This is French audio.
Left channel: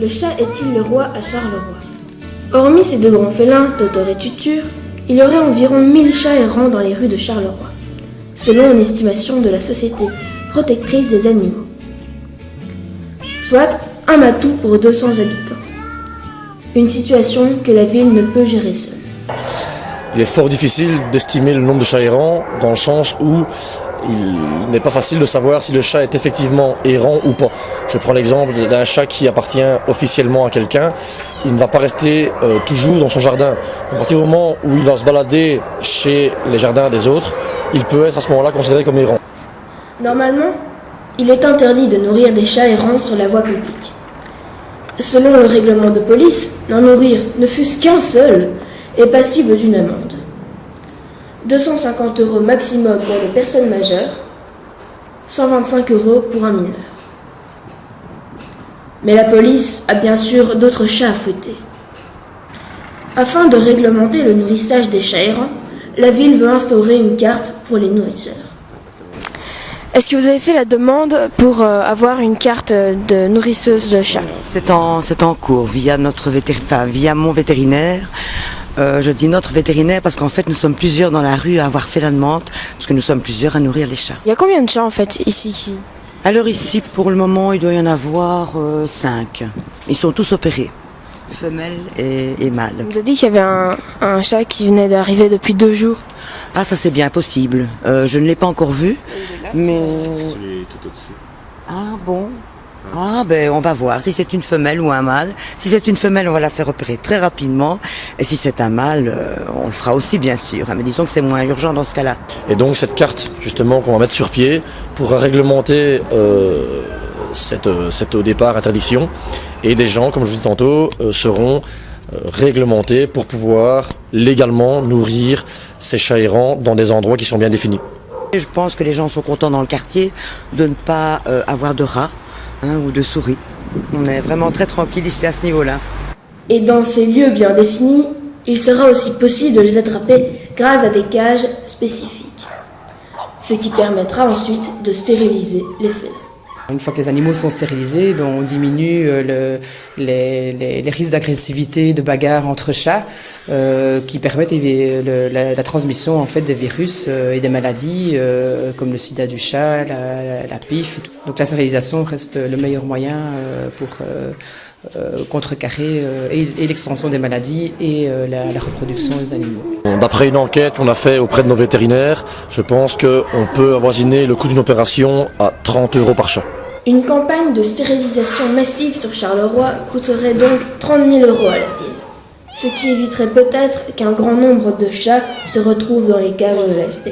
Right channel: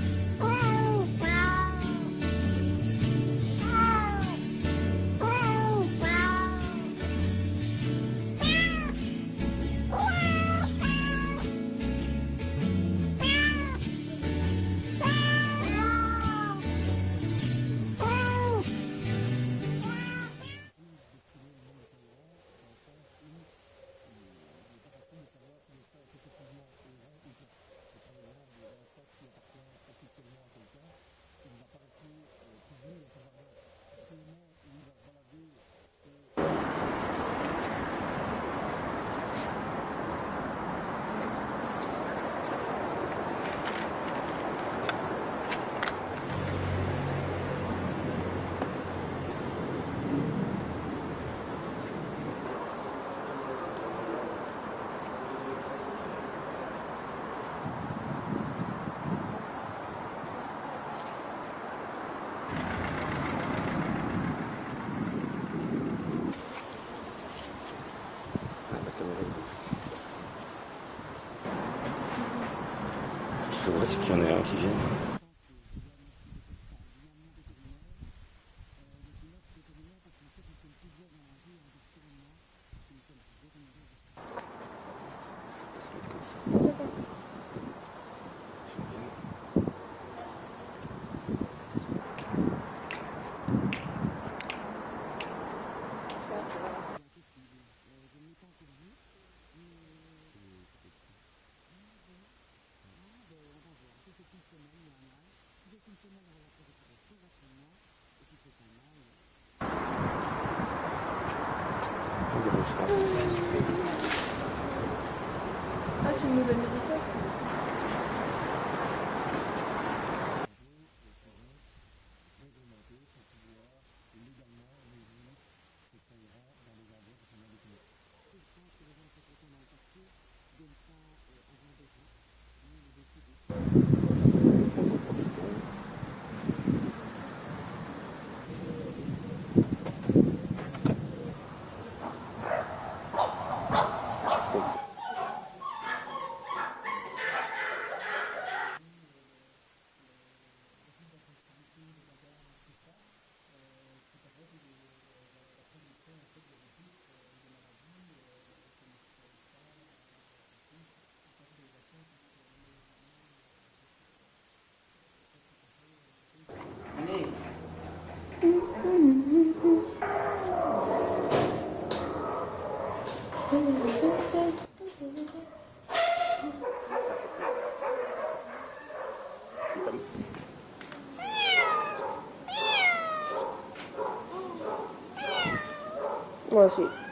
Le chat est-il le roi à Charleroi? Hormis ces deux grands félins, Totor et Tutur, il y aurait environ 1000 chats errants dans les rues de Charleroi, selon une estimation de la Société protectrice des animaux. Soit un matou pour 200 habitants. Une situation que la ville ne peut gérer seule. Il est fort difficile d'estimer le nombre de chats errants dans le sens où il n'est pas facile de savoir si le chat est effectivement errant ou pas. Je prends l'exemple d'un chat qui appartient officiellement à quelqu'un. Il ne va pas rester toujours dans son jardin. À partir du moment où il va se balader chez les jardins des autres, il peut être à ce moment-là considéré comme errant. Normalement, il est interdit de nourrir des chats errants sur la voie publique. Selon le règlement de police, n'en nourrir ne fût-ce qu'un seul est passible d'une amende. 250 € maximum pour les personnes majeures, 125 € pour un mineur. Mais la police a bien sûr d'autres chats à fouetter. Afin de réglementer le nourrissage des chats errants, la ville veut instaurer une carte pour les nourrisseurs. Est-ce que vous avez fait la demande pour avoir une carte de nourrisseuse de chats? C'est en cours via mon vétérinaire. Je dis notre vétérinaire parce qu'en fait nous sommes plusieurs dans la rue à avoir fait la demande, parce que nous sommes plusieurs à nourrir les chats. Il y a combien de chats en fait ici? Alors ici pour le moment il doit y en avoir 5. Ils sont tous opérés, femelles et mâles. On vous a dit qu'il y avait un chat qui venait d'arriver depuis 2 jours. Ah ça c'est bien possible, je ne l'ai pas encore vu, mais... Ah bon? Ah ben on va voir si c'est une femelle ou un mâle. Si c'est une femelle on va la faire opérer très rapidement, et si c'est un mâle on le fera aussi bien sûr, mais disons que c'est moins urgent dans ce cas-là. Et donc cette carte justement qu'on va mettre sur pied pourra réglementer cette au départ interdiction, et des gens comme je vous dis tantôt seront réglementés pour pouvoir légalement nourrir ces chats errants dans des endroits qui sont bien définis. Je pense que les gens sont contents dans le quartier de ne pas avoir de rats ou de souris. On est vraiment très tranquille ici à ce niveau-là. Et dans ces lieux bien définis, il sera aussi possible de les attraper grâce à des cages spécifiques, ce qui permettra ensuite de stériliser les félins. Une fois que les animaux sont stérilisés, on diminue les risques d'agressivité, de bagarre entre chats, qui permettent la transmission en fait, des virus et des maladies comme le sida du chat, la PIF. Et tout. Donc la stérilisation reste le meilleur moyen pour contrecarrer et l'extension des maladies et la reproduction des animaux. D'après une enquête qu'on a faite auprès de nos vétérinaires, je pense qu'on peut avoisiner le coût d'une opération à 30 € par chat. Une campagne de stérilisation massive sur Charleroi coûterait donc 30 000 € à la ville, ce qui éviterait peut-être qu'un grand nombre de chats se retrouvent dans les cages de la SPA.